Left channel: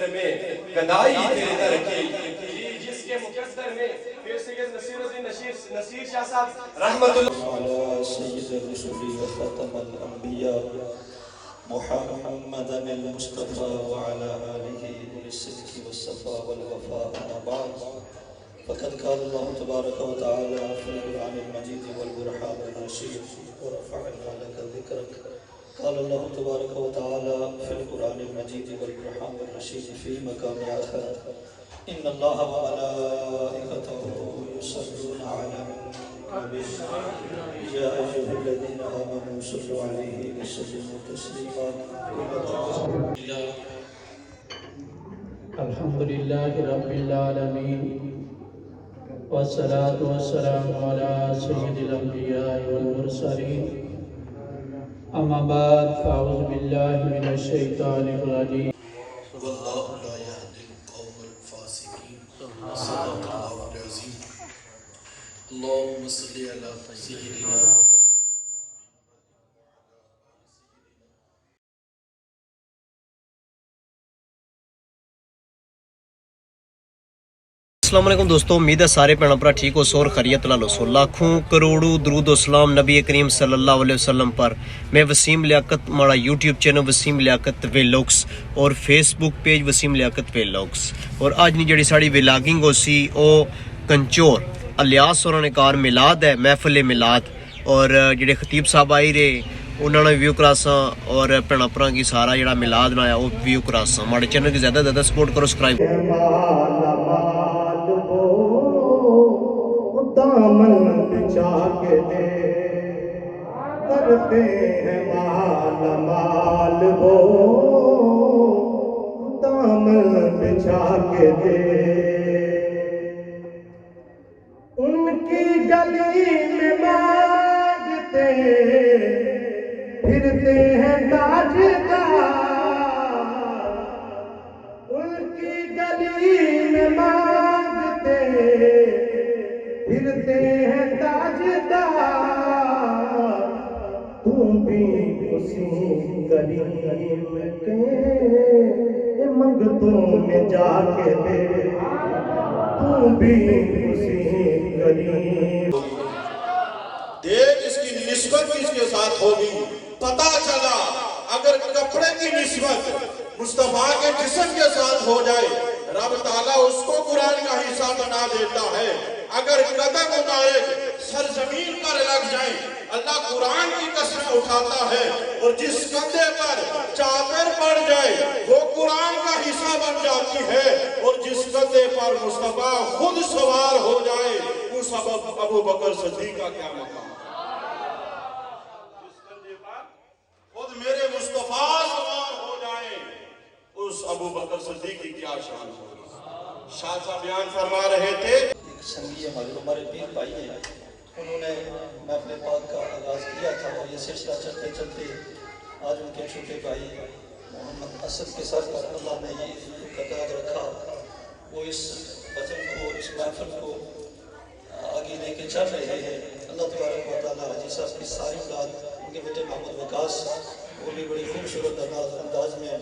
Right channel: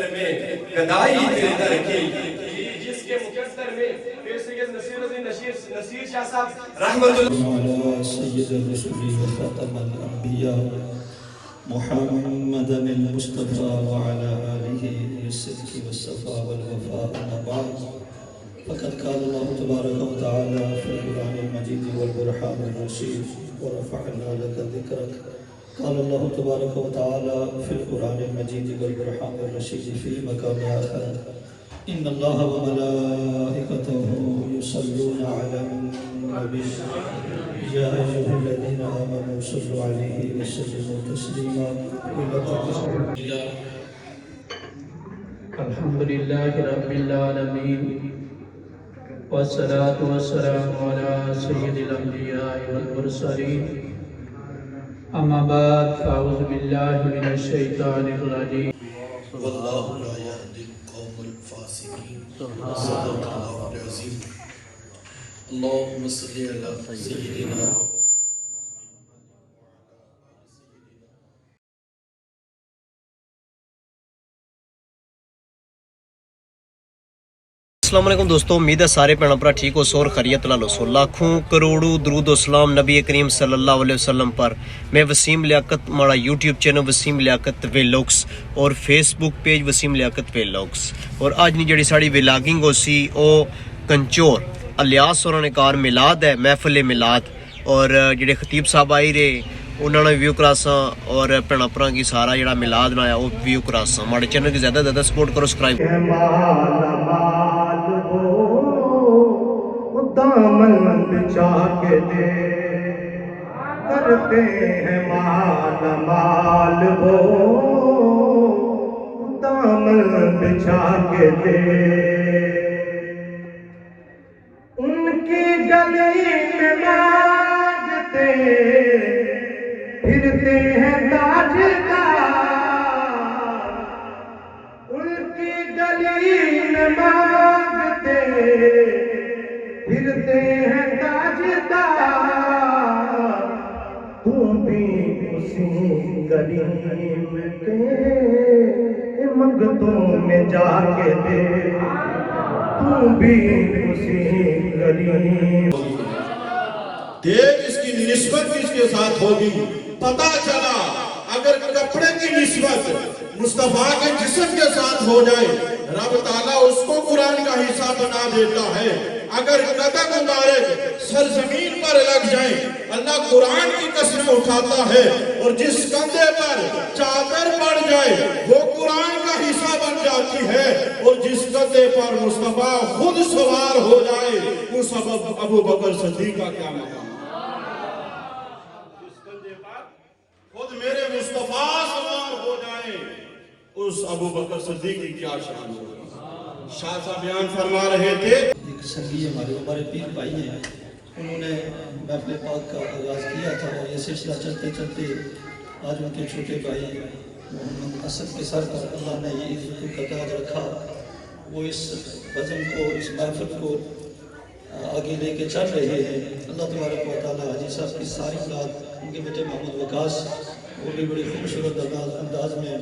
مقدر میں گدائی تیرے در کی، جس کے مقدر میں پھر سید نصیر الدین نصیر شاہ صاحب رحمت اللہ سید الرسول وخاتم الانبیاء محمد المصطفى وعلى آله بالصدق والصفاء والوفاء. أما بعد فقد قال الله تبارك وتعالى في القرآن المجيد والبرهان الرشيد ورفعنا لك ذكرك. قال الله تبارك وتعالى في القرآن المجيد والبرهان الرشيد في مقام آخر إن الله وملائكته يصلون على النبي يا أيها الذين آمنوا صلوا عليه وسلموا تسليما. الحمد لله رب العالمين والصلاة والسلام على سيد الأنبياء والمرسلين. أما بعد فأعوذ بالله من الشيطان الرجيم. والله لا يهدي القوم الفاسقين. صدق الله العظيم. اللهم صل على سيدنا السلام علیکم دوستو، امید ہے سارے بھੈਣ ਭਰਾ ٹھیک ہو سو اور خیریت لالو سو. لاکھوں کروڑوں درود و سلام نبی کریم صلی اللہ علیہ وسلم پر. میں وسیم لیاقت، ہمارا یوٹیوب چینل وسیم لیاقت ویلوگس اور فیس بک پیج وسیم لیاقت ویلوگس. اور آج نہیں جڑی ساڑی ویلاگنگ ہو سی او کنچور الیاس اور نے کار میلاد ہے، محفل میلاد. اور جڑے خطیب صاحب آئی رہے انہوں نے ویو کراساں اور بھੈਣਾਂ ਭਰਾਵਾਂ کی سارا جڑا میلاد نایا وہ ویو کراساں. ہمارے چینل کی زیادہ سے زیادہ سپورٹ کرو، سبسکرائب دامن بچھا کے دے کرتے ہیں مال مال وہ دامن بچھا کے دے. ان کی گلی میں مانگتے پھرتے ہیں تاجدار. ان کی گلی میں مانگتے پھرتے ہیں تاجدار. تم بھی اسی گلی کے منگتوں میں جا کے دے. تم بھی اسی گلی. دیکھ اس کی نسبت کس کے ساتھ ہوگی. پتہ چلا اگر کپڑے کی نسبت مصطفیٰ کے جسم کے ساتھ ہو جائے رب تعالیٰ اس کو قرآن کا حصہ بنا دیتا ہے. اگر قدم مبارک سرزمین پر لگ جائیں اللہ قرآن کی قسم اٹھاتا ہے. اور جس کندھے پر چادر پڑ جائے وہ قرآن کا حصہ بن جاتی ہے. اور جس کندھے پر مصطفیٰ خود سوار ہو جائے وہ سبب ابو بکر صدیق کا کیا مقام. جس کندھے پر خود میرے مصطفیٰ سوار ہو جائے اس ابو بکر صدیق کی کیا شان ہوگی. شاہ صاحب بیان فرما رہے تھے سنگی ہمارے پیر بھائی ہیں، انہوں نے محفل پاک کا آغاز کیا تھا اور یہ سلسلہ چلتے چلتے آج ان کے چھوٹے بھائی محمد اسد کے ساتھ اللہ نے یہ خطاب رکھا. وہ اس وزن کو، اس محفل کو آگے لے کے چل رہے ہیں. اللہ تبارک و تعالیٰ حاجی صاحب کی ساری اولاد، ان کے بیٹے محمد وقاص، وہ بھی بڑی خوبصورت انداز میں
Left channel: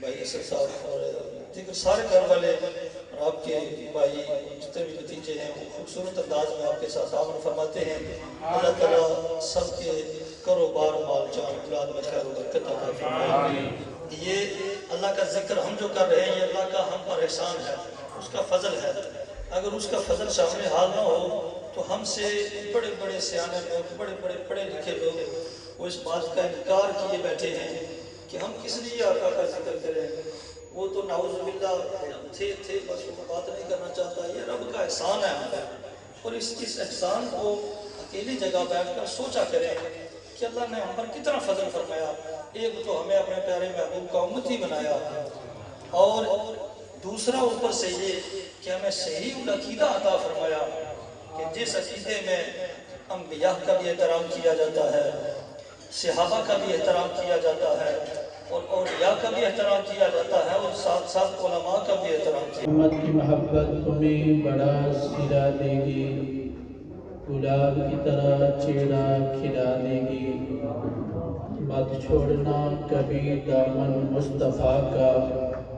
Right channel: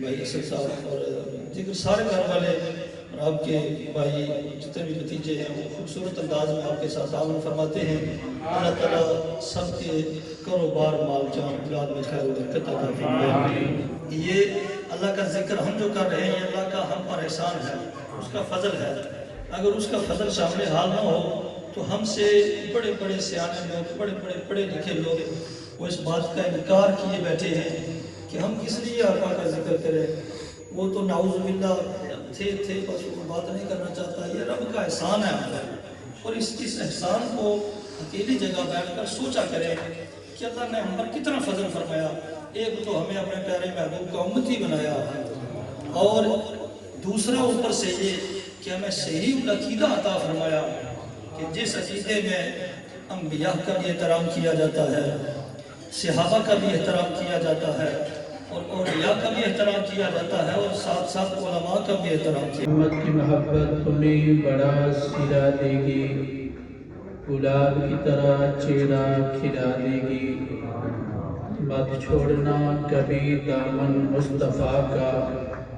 بھائی اسد صاحب اور دیگر سارے گھر والے آپ کے بھائی جتنے بھی بھتیجے ہیں وہ خوبصورت انداز میں آپ کے ساتھ تعاون فرماتے ہیں. اللہ تعالیٰ سب کے کاروبار مال جان اولاد میں خیر و برکت عطا فرمائے. یہ اللہ کا ذکر ہم جو کر رہے ہیں یہ اللہ کا ہم پر احسان ہے، اس کا فضل ہے. اگر اس کا فضل شامل حال نہ ہو تو ہم سے بڑے بڑے سیانے لوگ، بڑے بڑے پڑھے لکھے لوگ وہ اس بات کا انکار کیے بیٹھے ہیں کہ ہم کس لیے آقا کا ذکر کریں. وہ تو نعوذ باللہ تھے بس وہ بات نہیں کرنا چاہتا. یہ رب کا احسان ہے ہم پر. اور اس احسان کو اکیلی جگہ بیٹھ کر سوچا کریں کہ اللہ نے ہم پر کتنا فضل فرمایا. ایک تو ہمیں اپنے پیارے محبوب کا امتی بنایا اور دوسرا اوپر سے یہ کہ ہمیں صحیح عقیدہ عطا فرمایا کہ جس عقیدے میں انبیاء کا بھی احترام کیا جاتا ہے، صحابہ کا بھی احترام کیا جاتا ہے اور اولیاء کا بھی احترام کیا جاتا ہے اور ساتھ ساتھ علماء کا بھی احترام کیا. امت کی محبت تمہیں بڑا سلا دے گی، گلاب کی طرح چہرہ کھلا دے گی. مت چھوڑنا کبھی دامن مصطفیٰ کا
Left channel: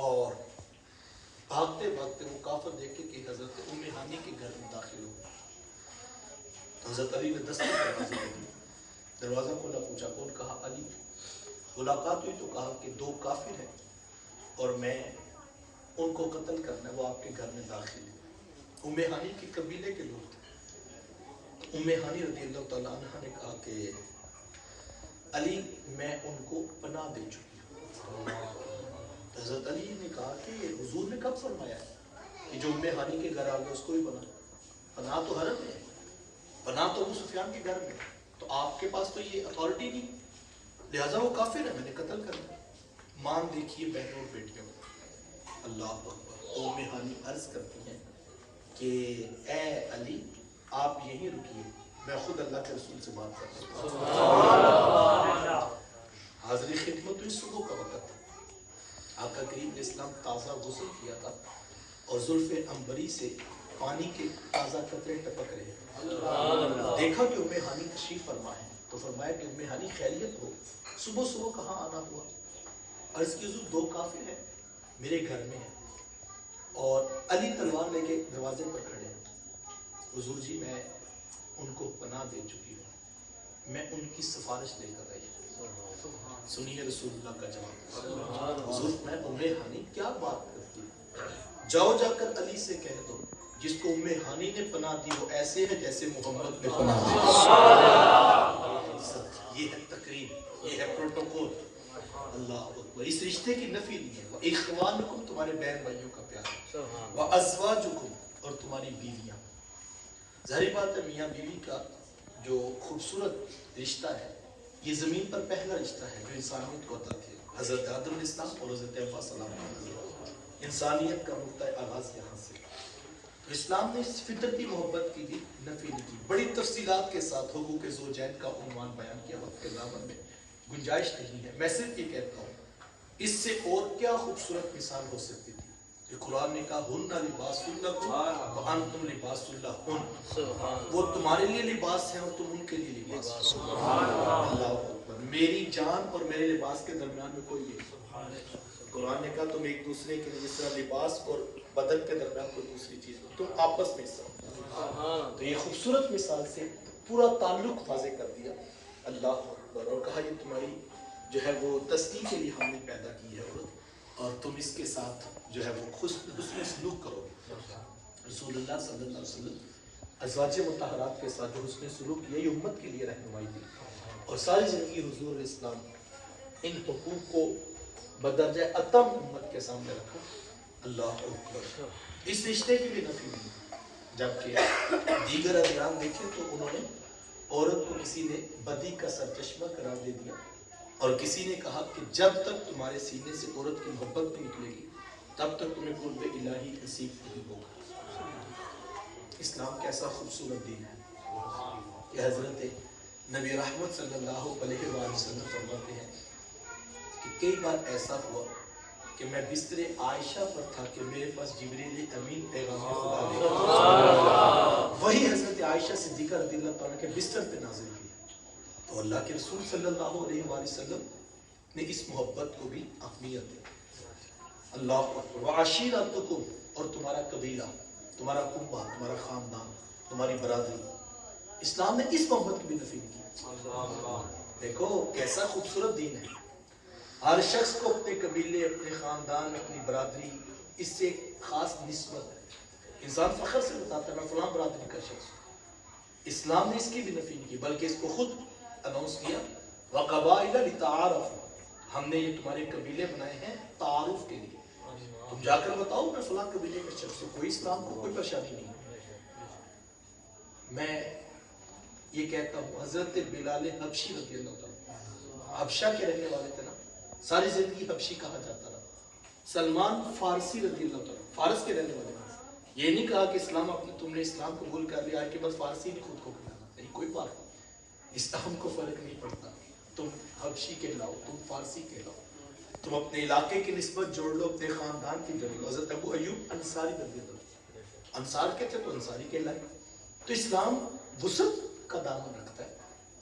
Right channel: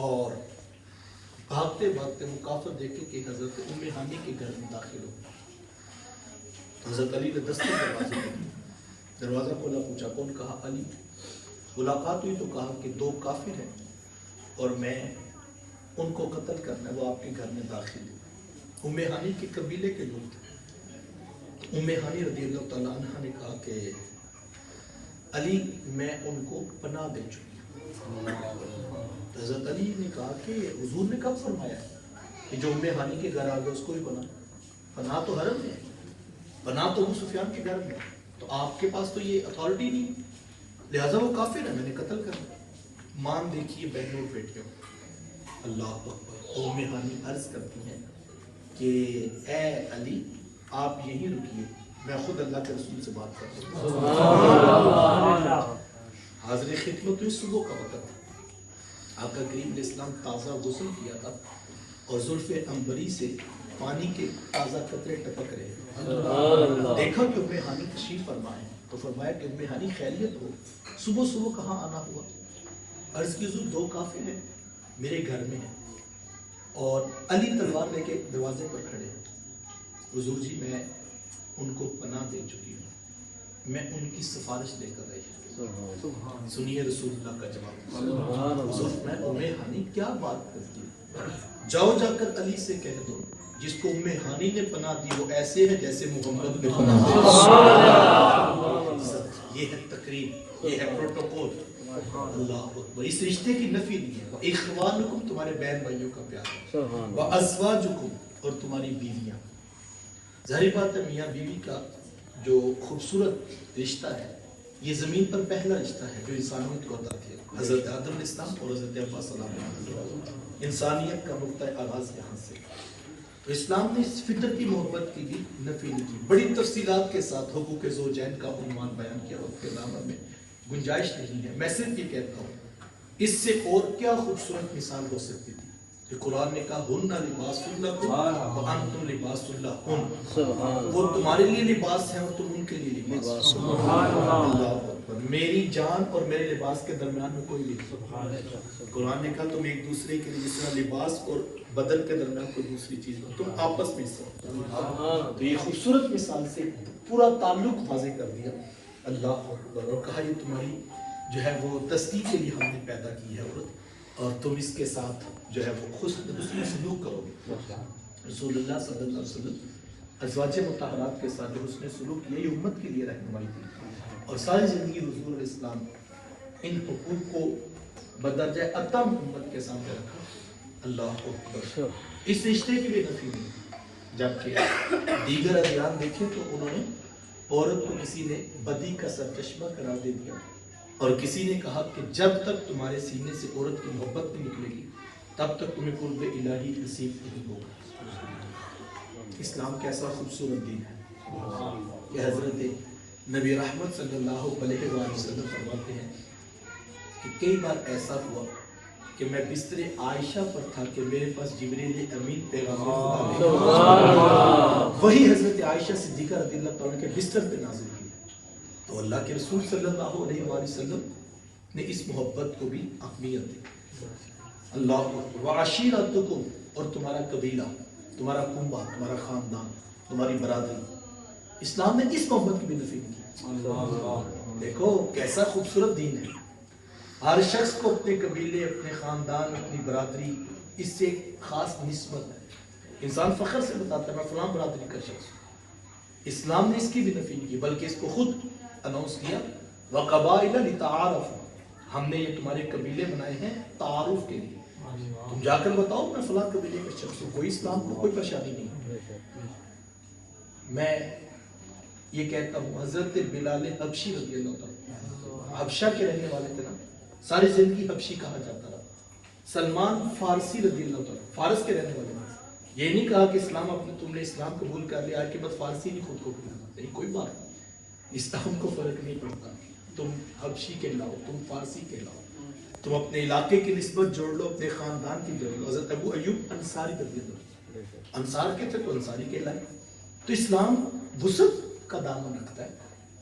اور بھاگتے بھاگتے وہ کافر دیکھے کہ حضرت ام ہانی کے گھر میں داخل ہو. حضرت علی نے دستک دروازے کو دیا. دروازہ کھولا, پوچھا کون؟ کہا علی. ملاقات ہوئی تو کہا کہ 2 کافر ہیں اور میں ان کو قتل کرنا ہے, وہ آپ کے گھر میں داخل ہے. ام ہانی کے قبیلے کے لوگ تھے. ام ہانی رضی اللہ تعالیٰ عنہ نے کہا کہ علی میں ان کو پناہ دے چکی ہوں. حضرت علی نے کہا کہ حضور نے کب فرمایا کہ جو ام ہانی کے گھر آ گئے اس کو ہی پناہ تو حرم ہے, پناہ تو ابو سفیان کے گھر میں, تو آپ کے پاس تو یہ اتھارٹی نہیں, لہٰذا وہ کافر ہے, میں نے قتل کرنا. مان دیکھیے بہنوں اور بیٹیوں, اللہ اکبر. ام ہانی عرض کرتی ہیں کہ اے علی آپ یہی رکیے, میں خود اللہ کے رسول سے بات کرتا ہوں. حاضر خدمت میں صبح کا وقت تھا. آقا کریم علیہ السلام تازہ غسل کیا تھا اور زلف عنبری سے پانی کے تازہ قطرے ٹپک رہے. دیکھا کہ ام ہانی تشریف فرما ہے تو فرمایا کہ ام ہانی خیریت ہو, صبح صبح کہاں آنا ہوا؟ عرض کی حضور 2 کافر ہیں میرے گھر میں ہیں اور علی تلوار لے کے دروازے پر کھڑے ہیں. حضور جی میں ان کو پناہ دے چکی ہوں, میں ان کی سفارش لے کر آئی ہوں. سنیے رسول اللہ کا جواب. حضور میں ام ہانی کیا بات کرتی ہے, جاؤ جا کر علی سے کہہ دو جس کو ام ہانی نے پناہ دی وہ ایسے ہے جیسے محمد نے پناہ دی. یہ ہے تقریب, یہ ہے پروٹوکول. اللہ اکبر. اس رشتے کی نفی نہیں ہے. اخوانکم تمہارے بہن بھائیوں کا پیار, وازواجکم اور تمہاری بیویاں. ظاہر بات ہے میاں بیوی کا جو خوبصورت رشتہ ہے یہ زمین پر پہلا رشتہ ہے جو انسانوں کو عطا کیا. حضرت آدم علیہ السلام اور حضرت حوا سلام علیہ, انسانیت کا نقطہ آغاز یہاں سے. تو اسلام نے اس فطرتی محبت کی بھی نفی نہیں کی. بڑی تفصیلات کے ساتھ حقوق زوجین کا عنوان بیان کیا, وقت کے دامن میں گنجائش نہیں ہے. میں صرف یہ کہتا ہوں اس سے اور کیا خوبصورت مثال ہو سکتی تھی کہ قرآن نے کہا ہن لباس لکم وانتم لباس لہن, وہ تمہارے لیے لباس ہیں اور تم ان کے لیے لباس. اللہ میری جان اور میرے لباس کے درمیان میں کوئی نہیں. قرآن نے کہا تم ایک دوسرے کے لیے جس طرح لباس اور بدن کے درمیان کوئی دوسری چیز ہو تم آپس میں حصہ. تو یہ خوبصورت مثال سے پورا تعلق واضح کر دیا. اللہ اکبر. اور کہا یہ تمہاری جو ہے وہ تصدیق کے لیے ہم نے پیدا کی ہے عورت اور تم اس کے ساتھ جو ہے وہ حسن سلوک کرو. رسول اللہ صلی اللہ علیہ وسلم ازواج مطہرات کے ساتھ جو حسن سلوک یہی امت کے لیے رہنمائی تھی اور ساری زندگی حضور علیہ السلام ان حقوق کو بدرجہ اتم امت کے سامنے رکھا. اللہ اکبر. اس رشتے کی بھی نفی نہیں. جبکہ دیگر ادیان دیکھیں تو انہوں نے عورت کو کسی نے بدی کا سرچشمہ قرار دے دیا اور کسی نے کہا کہ جب تک تمہارے سینے سے عورت کی محبت نہیں نکلے گی تب تک تمہیں قرب الہی نصیب نہیں ہوگا. اسلام کیسا خوبصورت دین ہے کہ حضرت نبی رحمت صلی اللہ علیہ وسلم فرماتے ہیں کہ کئی بار ایسا ہوا کہ میں بستر عائشہ پر تھا کہ میرے پاس جبریل امین پیغام خدا لے کر وہی حضرت عائشہ صدیقہ رضی اللہ تعالیٰ کے بستر پہ نازل کی. تو اللہ کے رسول صلی اللہ علیہ وسلم نے اس محبت کو بھی اہمیت دی. اللہ اکبر. وعشیرتکم اور تمہارا قبیلہ, تمہارا کنبہ, تمہارا خاندان, تمہاری برادری. اسلام نے اس محبت کی بھی نفی کی. دیکھو کیسا خوبصورت دین ہے. ہر شخص کو اپنے قبیلے, اپنے خاندان, اپنی برادری اس سے خاص نسبت ہے. انسان فخر سے بتاتا ہے میں فلاں برادری کا شخص ہوں. اسلام نے اس کی بھی نفی نہیں کی بلکہ اس کو خود اناؤنس کیا وَقَبَائِلَ لِتَعَارَفُ, ہم نے یہ تمہارے قبیلے بنائے ہیں تعارف کے لیے. تم جا کر بتاؤ میں فلاں قبیلے کا شخص ہوں. کوئی اسلام کو کوئی پریشانی نہیں. میں یہ کہتا ہوں حضرت بلال حبشی رضی اللہ عنہ حبشہ کے رہنے والے تھے نا, ساری زندگی حبشی کہا جاتا رہا. سلمان فارسی رضی اللہ عنہ فارس کے رہنے والے ہیں. یہ نہیں کہا کہ اسلام اپنی تم نے اسلام قبول کر لیا آج کے بعد فارسی نہیں خود کو نہیں, کوئی بات نہیں. اسلام کو فرق نہیں پڑتا. تم حبشی کہلاؤ, تم فارسی کہلاؤ, تم اپنے علاقے کی نسبت جوڑ لو, اپنے خاندان کی جوڑ لو. حضرت ابو ایوب انصاری رضی اللہ عنہ انصار کے تھے تو انصاری کہلائے. تو اسلام وسعت کا دامن رکھتا ہے.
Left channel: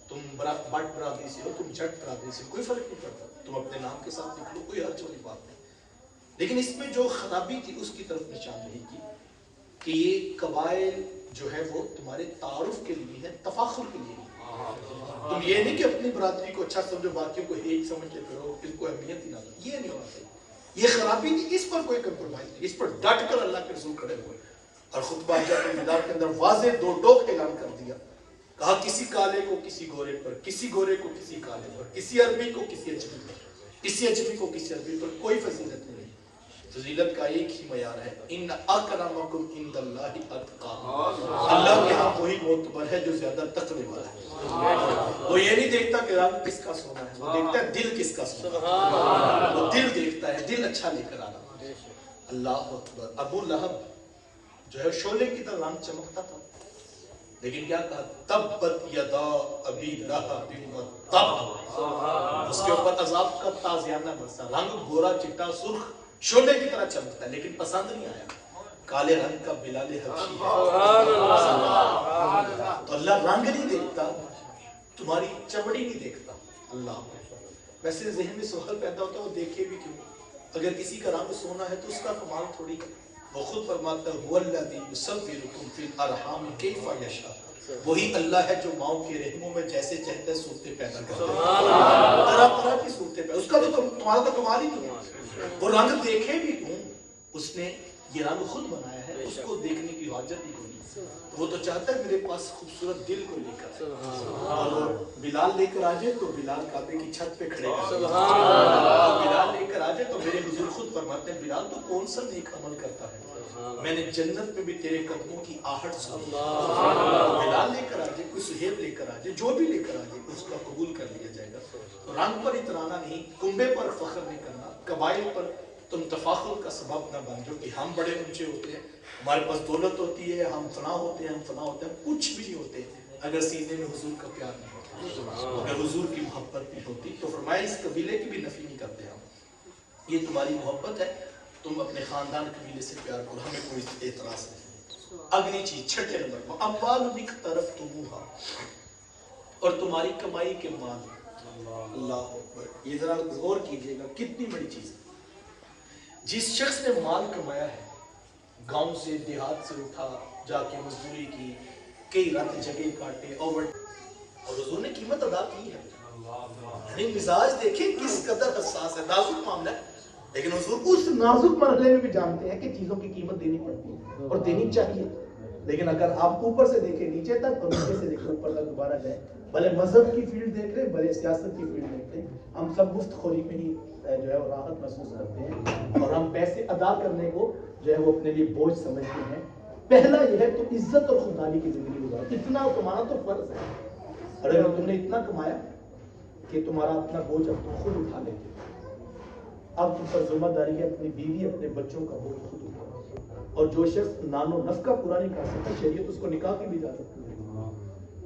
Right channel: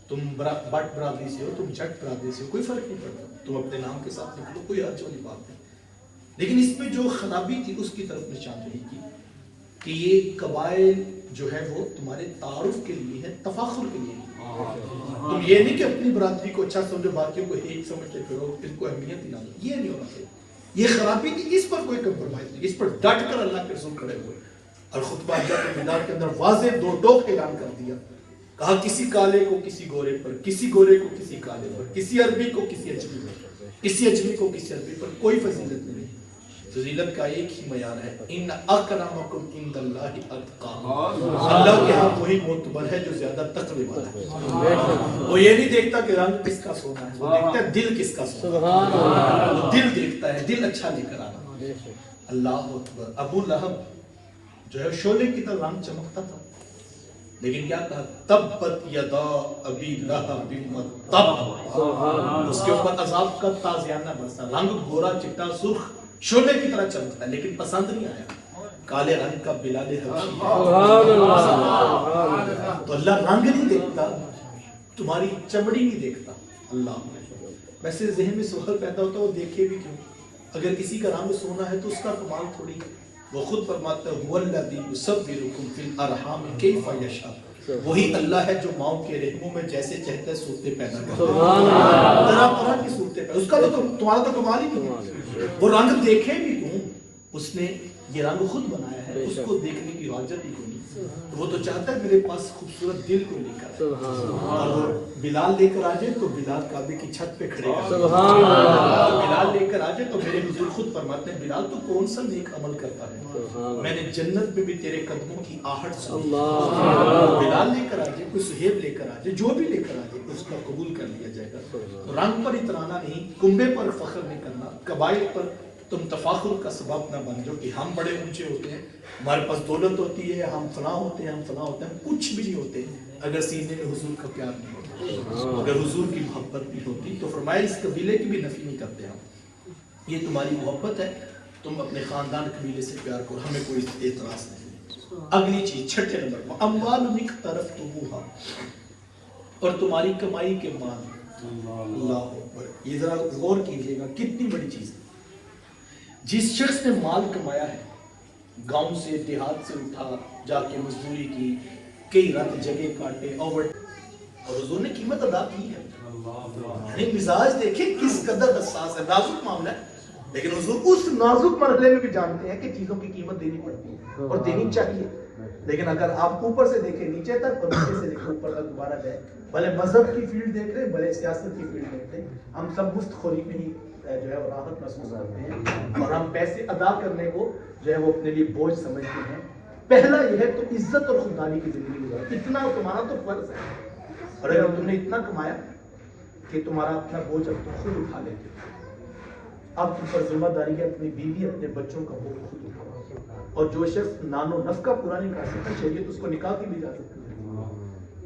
تم بٹ برادری سے ہو, تم جٹ برادری سے ہو, کوئی فرق نہیں پڑتا. تم اپنے نام کے ساتھ نکلو, کوئی حرج والی بات ہے. لیکن اس میں جو خرابی تھی اس کی طرف نشاندہی کی کہ یہ قبائل جو ہے وہ تمہارے تعارف کے لیے ہے، تفاخر کے لیے تم یہ نہیں کہ اپنی برادری کو اچھا سمجھو، باقیوں کو ہیٹ سمجھتے پھرو، ان کو اہمیت ہی نہ دو، یہ نہیں ہونا چاہیے. یہ خرابی تھی، اس پر کوئی کمپرومائز نہیں، اس پر ڈٹ کر اللہ کے رسول کھڑے ہوئے اور خطبہ مینار کے اندر واضح دو ٹوک اعلان کر دیا. کہا کسی کالے کو کسی گورے پر، کسی گورے کو کسی کالے پر، کسی عربی کو کسی اجمی پر، کسی اجمی کو کسی عربی پر کوئی فضیلت نہیں. فضیلت کا ایک ہی معیار ہے، ان اکرمکم عند اللہ اتقاکم. اللہ کے ہاں وہی معتبر ہے جو زیادہ تقوی والا ہے. وہ یہ نہیں دیکھتا کہ رنگ کس کا سونا ہے، وہ دیکھتا ہے دل کس کا سونا ہے. وہ دل دیکھتا ہے، دل اچھا لے کر آنا. اللہ اکبر. ابو لہب جو ہے شعلے کی طرح رنگ چمکتا تھا، لیکن کیا کہا؟ تبت یدا ابی لہب تب. اس کے اوپر عذاب کا تازیانہ برسا. رنگ گورا چٹا سرخ شعلے کی طرح چمکتا ہے، لیکن پسند نہیں آیا. کالے رنگ کا بلال حبشی. تو اللہ رنگ نہیں دیکھتا، تمہاری چمڑی نہیں دیکھتا. اللہ ویسے ذہن میں سوال پیدا ہوتا ہے وہ دیکھے بھی کیوں؟ اگر کسی کا رنگ سونا ہے تو اس کا کمال تھوڑی ہے. وہ خود فرماتا ہے هو الذی یصورکم فی الارحام کیف یشاء. وہی اللہ ہے جو ماؤں کے رحموں میں جیسے چاہتا ہے صورتیں پیدا کرتا ہے. طرح طرح کی صورتیں پیدا. اس کا تو تمہارا تو کمال ہی نہیں ہے. وہ رنگ دیکھے بھی کیوں؟ اس نے یہ رنگ خود بنایا ہے، اس کو دیکھنے کی حاجت ہی کوئی نہیں. وہ تو چاہتا ہے میرے پاس خوبصورت دل کو لے کر آئے. اور بلال لے کر آ جائے تو بلال کعبے کی چھت پہ کھڑے ہیں. بلال لے کر آ جائے تو میرے حضور خود فرماتے ہیں بلال تو کون سا نیک عمل کرتا ہے، میں نے جنت میں بھی تیرے قدموں کی آہٹ سنی. بلال لے کر آ جائے، کوئی سہیب لے کر آ جائے، جو بھی لے کر آ جائے اس کا قبول کر لیا جائے گا. رنگ پر اترانا نہیں، کنبے پر فخر نہیں کرنا، قبائل پر تم تفاخر کا سبب نہ بن جاؤ کہ ہم بڑے اونچے ہوتے ہیں، ہمارے پاس دولت ہوتی ہے، ہم فلاں ہوتے ہیں، ہم فلاں ہوتے ہیں. کچھ بھی نہیں ہوتے اگر سینے میں حضور کا پیار نہیں ہوتا، اگر حضور کی محبت نہیں ہوتی. تو فرمایا اس قبیلے کی بھی نفی نہیں کرتے ہم. یہ تمہاری محبت ہے، تم اپنے خاندان قبیلے سے پیار کرو، ہمیں کوئی اعتراض نہیں. اگلی چیز چھٹے نمبر پر اموال اقترفتموہا، اور تمہاری کمائی کے مال. اللہ اکبر. یہ ذرا غور کیجئے گا کتنی بڑی چیز ہے. جس شخص نے مال کمایا ہے، گاؤں سے دیہات سے اٹھا جا کے مزدوری کی، کئی رات جگہ کاٹے، اور حضور نے قیمت ادا کی ہے. یعنی مزاج دیکھیں کس قدر حساس ہے، نازک معاملہ ہے. لیکن حضور اس نازک مرحلے میں بھی جانتے ہیں کہ چیزوں کی قیمت دینی پڑتی ہے اور دینی چاہیے. لیکن اگر آپ اوپر سے دیکھیں نیچے تک اور نیچے سے دیکھیں اوپر تک دوبارہ جائے، بھلے مذہب کی فیلڈ دیکھ رہے، بھلے سیاست کی فیلڈ دیکھ رہے، ہم سب مفت خوری میں ہی جو ہے راحت محسوس کرتے ہیں اور ہم پیسے ادا کرنے کو جو ہے وہ اپنے لیے بوجھ سمجھتے ہیں. پہلا یہ ہے تو عزت اور خودداری کی زندگی گزارو. اتنا کمانا تو فرض ہے، اور اگر تم نے اتنا کمایا کہ تمہارا اپنا بوجھ اب تم خود اٹھا لیتے، اب تم پر ذمہ داری ہے اپنی بیوی اپنے بچوں کا بوجھ خود اٹھاؤ. اور جو شخص نان و نفقہ پورا نہیں کر سکتا، شریعت اس کو نکاح کی بھی اجازت ہے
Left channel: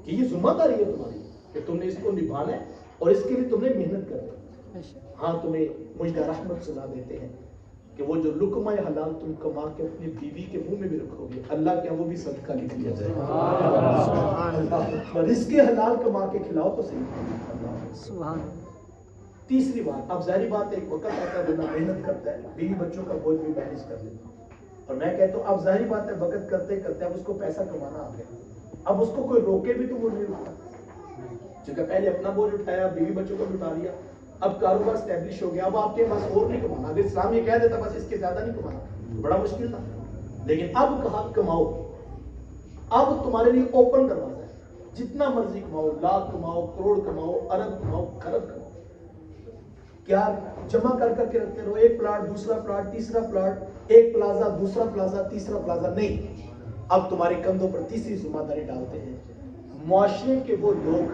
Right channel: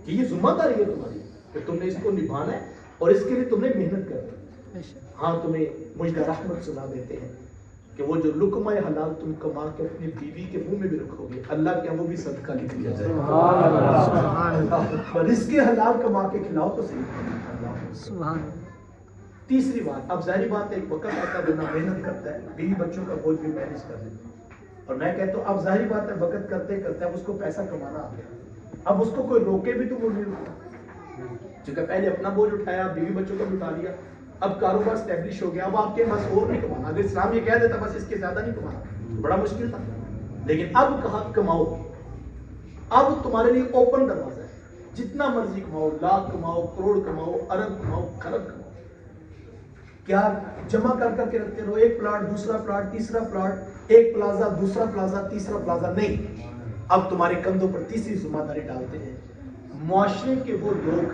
کہ یہ ذمہ داری ہے تمہاری کہ تم نے اس کو نبھانا ہے اور اس کے لیے تم نے محنت کرنی ہے. ہاں تمہیں مجھ کا رحمت سنا دیتے ہیں کہ وہ جو لقمہ حلال تم کما کے اپنی بیوی کے منہ میں بھی رکھو گے، اللہ کے وہ بھی صدقہ لکھ لیا جائے گا. رزق حلال کما کے کھلاؤ تو صحیح. تیسری بات، اب ظاہری بات ہے ایک وقت آتا ہے بندہ محنت کرتا ہے، بیوی بچوں کا بوجھ بھی مینیج کر لیتا ہے، اور میں کہتا ہوں اب ظاہری بات ہے وقت کرتے کرتے اب اس کو پیسہ کمانا آ گیا، اب اس کو کوئی روکے بھی تو وہ نہیں رکتا. چونکہ پہلے اپنا بوجھ اٹھایا، بیوی بچوں کو بھی اٹھا لیا، اب کاروبار اسٹیبلش ہو گیا، اب آپ کے پاس اور نہیں کمانا. اگر اسلام یہ کہہ دیتا بس اس کے زیادہ نہیں کمانا بڑا مشکل تھا، لیکن اب کہا کماؤ. اب تمہارے لیے اوپن دروازہ ہے، جتنا مرضی کماؤ، لاکھ کماؤ، کروڑ کماؤ، ارب کماؤ، خرب کماؤ. کیا جمع کر کر کے رکھتے رہو، ایک پلاٹ دوسرا پلاٹ تیسرا پلاٹ، ایک پلازا دوسرا پلازا تیسرا پلازا، نہیں. اب تمہارے کندھوں پر تیسری ذمہ داری ڈالتے ہیں معاشرے کے وہ لوگ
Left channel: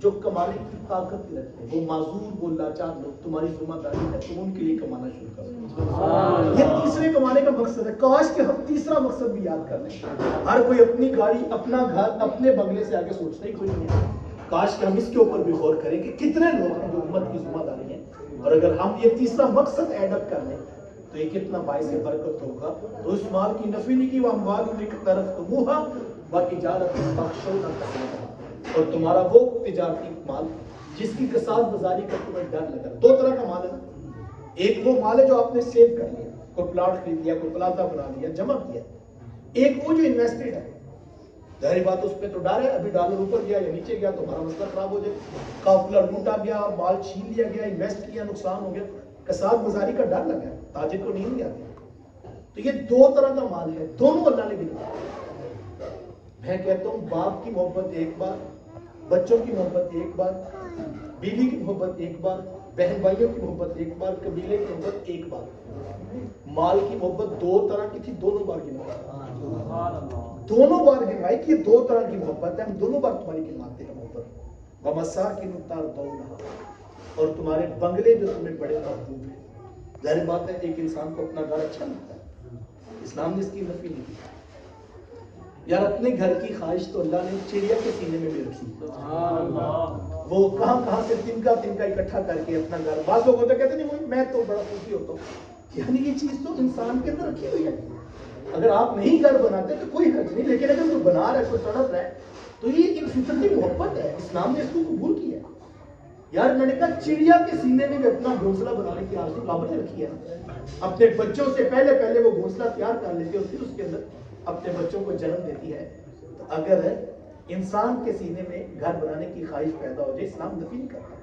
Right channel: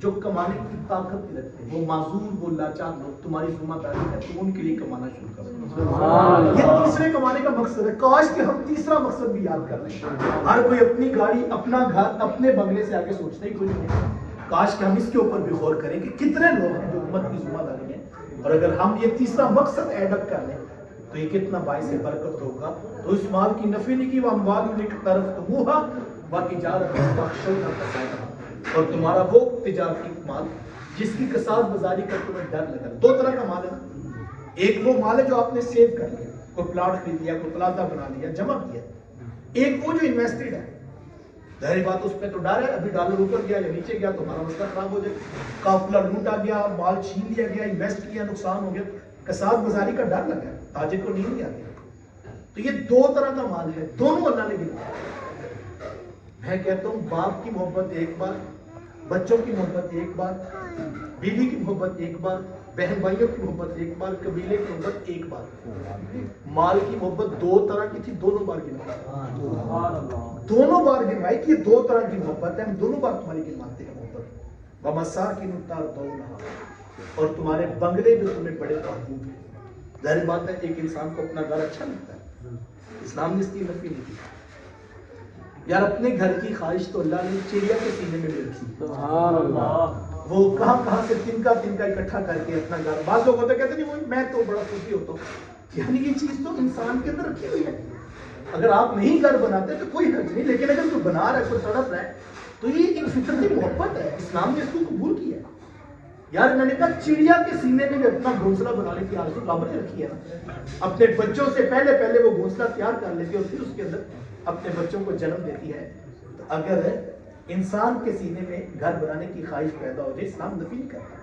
جو کمانے کی طاقت رکھتے ہیں، وہ معذور وہ لاچار لوگ، تمہاری ذمہ داری ہے تم ان کے لیے کمانا شروع کرو. یہ تیسرے کمانے کا مقصد ہے. کاش کہ ہم تیسرا مقصد بھی یاد کر لیں. ہر کوئی اپنی گاڑی اپنا گھر اپنے بنگلے سے آگے سوچتا ہی کچھ نہیں. کاش کہ ہم اس کے اوپر بھی غور کریں کہ کتنے لوگ ہیں جو امت کی ذمہ داری ہے، اور اگر ہم یہ تیسرا مقصد ایڈ اپ کر لیں تو یہ کتنا باعث برکت ہوگا. تو اس مال کی نفی نہیں کی، وہ اموال اقترفتموہا وتجارۃ تخشون کسادها، اور تمہارا وہ تجارتی مال جس کی کساد بازاری کا تمہیں ڈر لگا. دو طرح کا مال ہے نا، ایک وہ مال ہے جو آپ نے سیو کر لیا، کوئی پلاٹ خرید لیا، کوئی پلازا بنا لیا، جمع کیا. ایک وہ جو انویسٹڈ ہے، ظاہر بات اس پہ تو ڈر ہے، ابھی ڈالر اوپر گیا یا نیچے گیا تو ہمارا مسئلہ خراب ہو جائے. قافلہ لوٹا گیا، مال چھین لیا گیا، انویسٹ کیا، نقصان ہو گیا، کساد بازاری کا ڈر لگا ہے، تاجر کو نیند نہیں آتی. تو یہ دو طرح کا مال ہے، دونوں اللہ نے گنا. میں کہتا ہوں باپ کی محبت ایک بار، بچوں کی محبت ایک بار، بیوی کی محبت ایک بار، بہن بھائیوں کی محبت ایک بار، قبیلے کی محبت ایک بار. مال کی محبت دو طرح کی تھی، دونوں بار گنوائی، دونوں بار گنوائی کہ یہ دو طرح کی محبت ہے، ہم دونوں بار تمہاری گنواتے ہیں محبت. وَمَسَاكِنُ تَرْضَوْنَهَا، اور تمہارے بنگلے جو تمہیں بڑے محبوب ہیں. ظاہر بات ہے ایک انسان کو اپنا گھر اچھا لگتا ہے، اسلام نے اس کی نفی نہیں کی. یار اپنے گھر کی خواہش تو اللہ نے چڑیا کے سینے میں بھی رکھی. وہ کہاں سے تنکا اکٹھا کر کے اپنا گھر. بعض لوگ ہوتے کہتے ہیں میں تو بڑا خوشی ہوتا ہوں، یعنی یہ چیز تو انسان کے اندر رکھی ہوئی ہے. اگر آپ نہیں گھر بناتے تو کوئی حرج نہیں، لیکن اگر کوئی بنا رہا ہے، کوئی تڑپ رہا ہے، تو یہ ایک فطرتی محبت ہے، اسلام نے اس کو قبول کیا. یار انہوں نے کہا چڑیا کے سینے میں بھی اپنا گھونسلہ بنانے کی آرزو کعبہ نے رکھی ہے نا. اپنے بچوں سے پہلے وہ گھونسلہ تیار کر لیتی ہے اور پھر اس کے اندر اپنے بچوں کو جنم دیتی ہے. تو اگر انسان کے سینے میں گھر بنانے کی خواہش پیدا ہو جائے، اسلام نفی نہیں کرتا،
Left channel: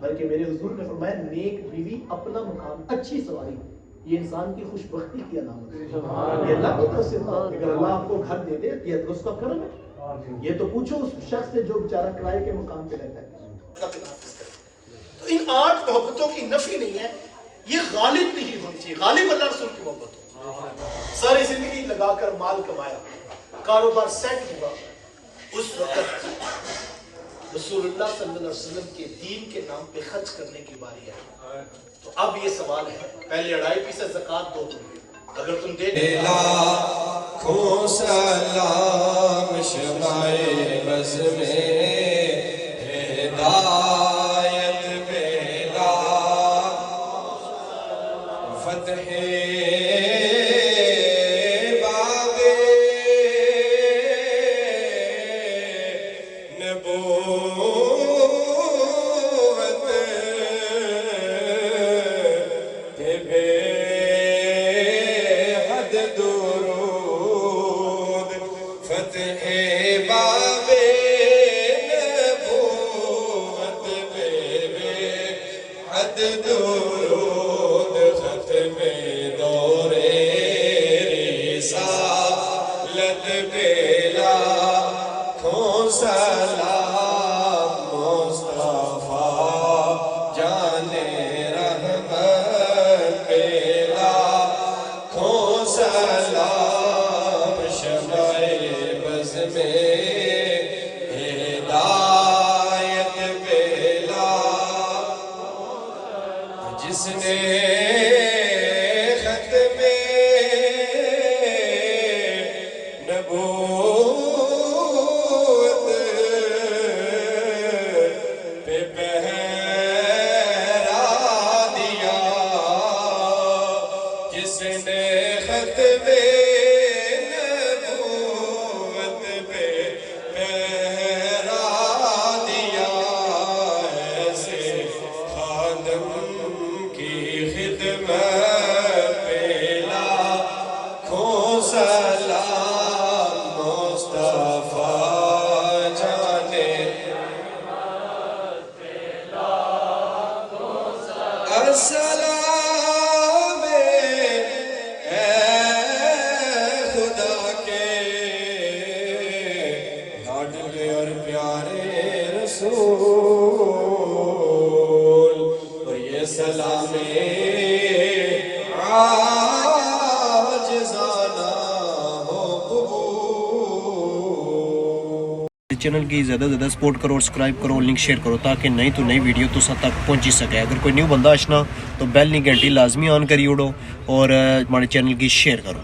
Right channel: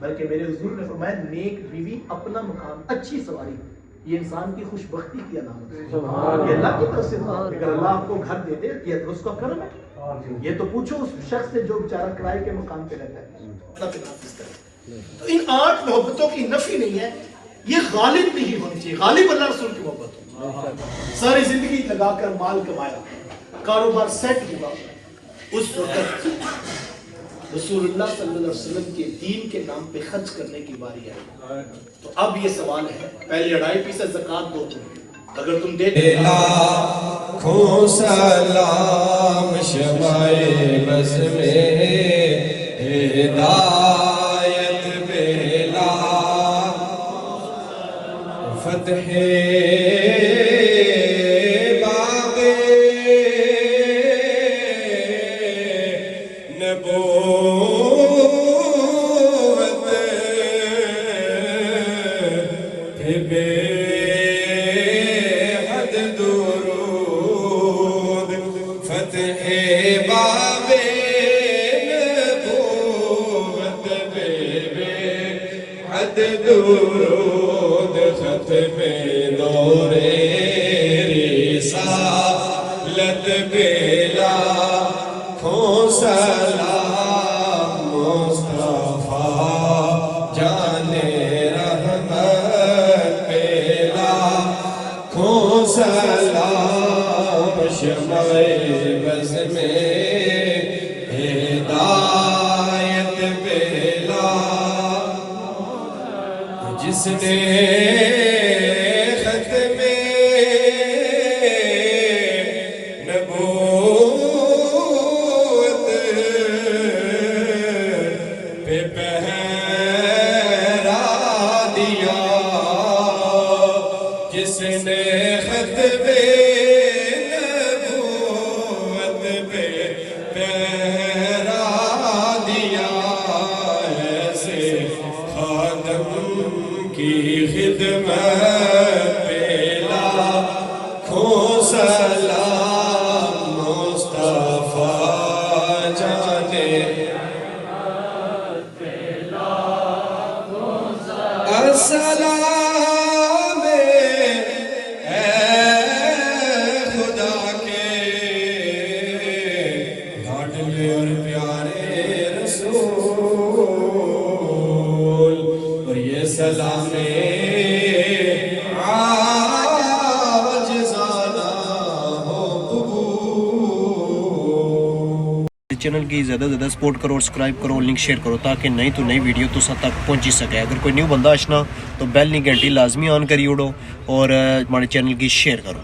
بلکہ میرے حضور نے فرمایا نیک بیوی اپنا مکان اچھی سواری، یہ انسان کی خوش بختی کی علامت ہے. یہ اللہ کی طرف سے بات ہے. اگر اللہ آپ کو گھر دے دے یہ تو اس کا کرم ہے. یہ تو پوچھو اس شخص سے جو بیچارہ کرائے کے مقام پہ رہتا ہے. تو ان 8 محبتوں کی نفی نہیں ہے، یہ غالب نہیں ہونی چاہیے. غالب اللہ رسول کی محبت ہو. ساری زندگی لگا کر مال کمایا، کاروبار سیٹ ہوا، اس وقت رسول اللہ صلی اللہ علیہ وسلم کے دین کے نام پہ خرچ کرنے کی باری آئی. تو اب یہ سوال ہے، پہلے 2.5% زکوٰۃ دو تم، اگر تم دے دے لاکھوں سلام شمائے بس میں ہدایت بیلا فتح بابے نبوت بے حد درود فتح بابے نبوت بے حد درود ختم دور رسالت بیلا کھوں سلام مصطفیٰ جانے رحمت بیلا کھوں سلام شمائے بز میں ہدایت بیلا جس نے ختم نبوت پہ پہرا دیا، جس نے ختم نبوت پہ پہرا دیا، ایسے خاتم کی خدمت پہ لاکھوں سلام مصطفیٰ جانے السلام اے خدا کے لاڈلے اور پیارے رسول، اور یہ سلام عاجزانہ ہو قبول. چینل کی زیادہ سے زیادہ سپورٹ کرو اور سبسکرائب کرو اور لنک شیئر کرو تاکہ نئی تو نئی ویڈیو تو سب تک پہنچی سکے. اگر کوئی نیو بندہ آشنا تو بیل نہیں گھنٹی لازمی آن کری اڑو اور ہمارے چینل کی شیئر کرو.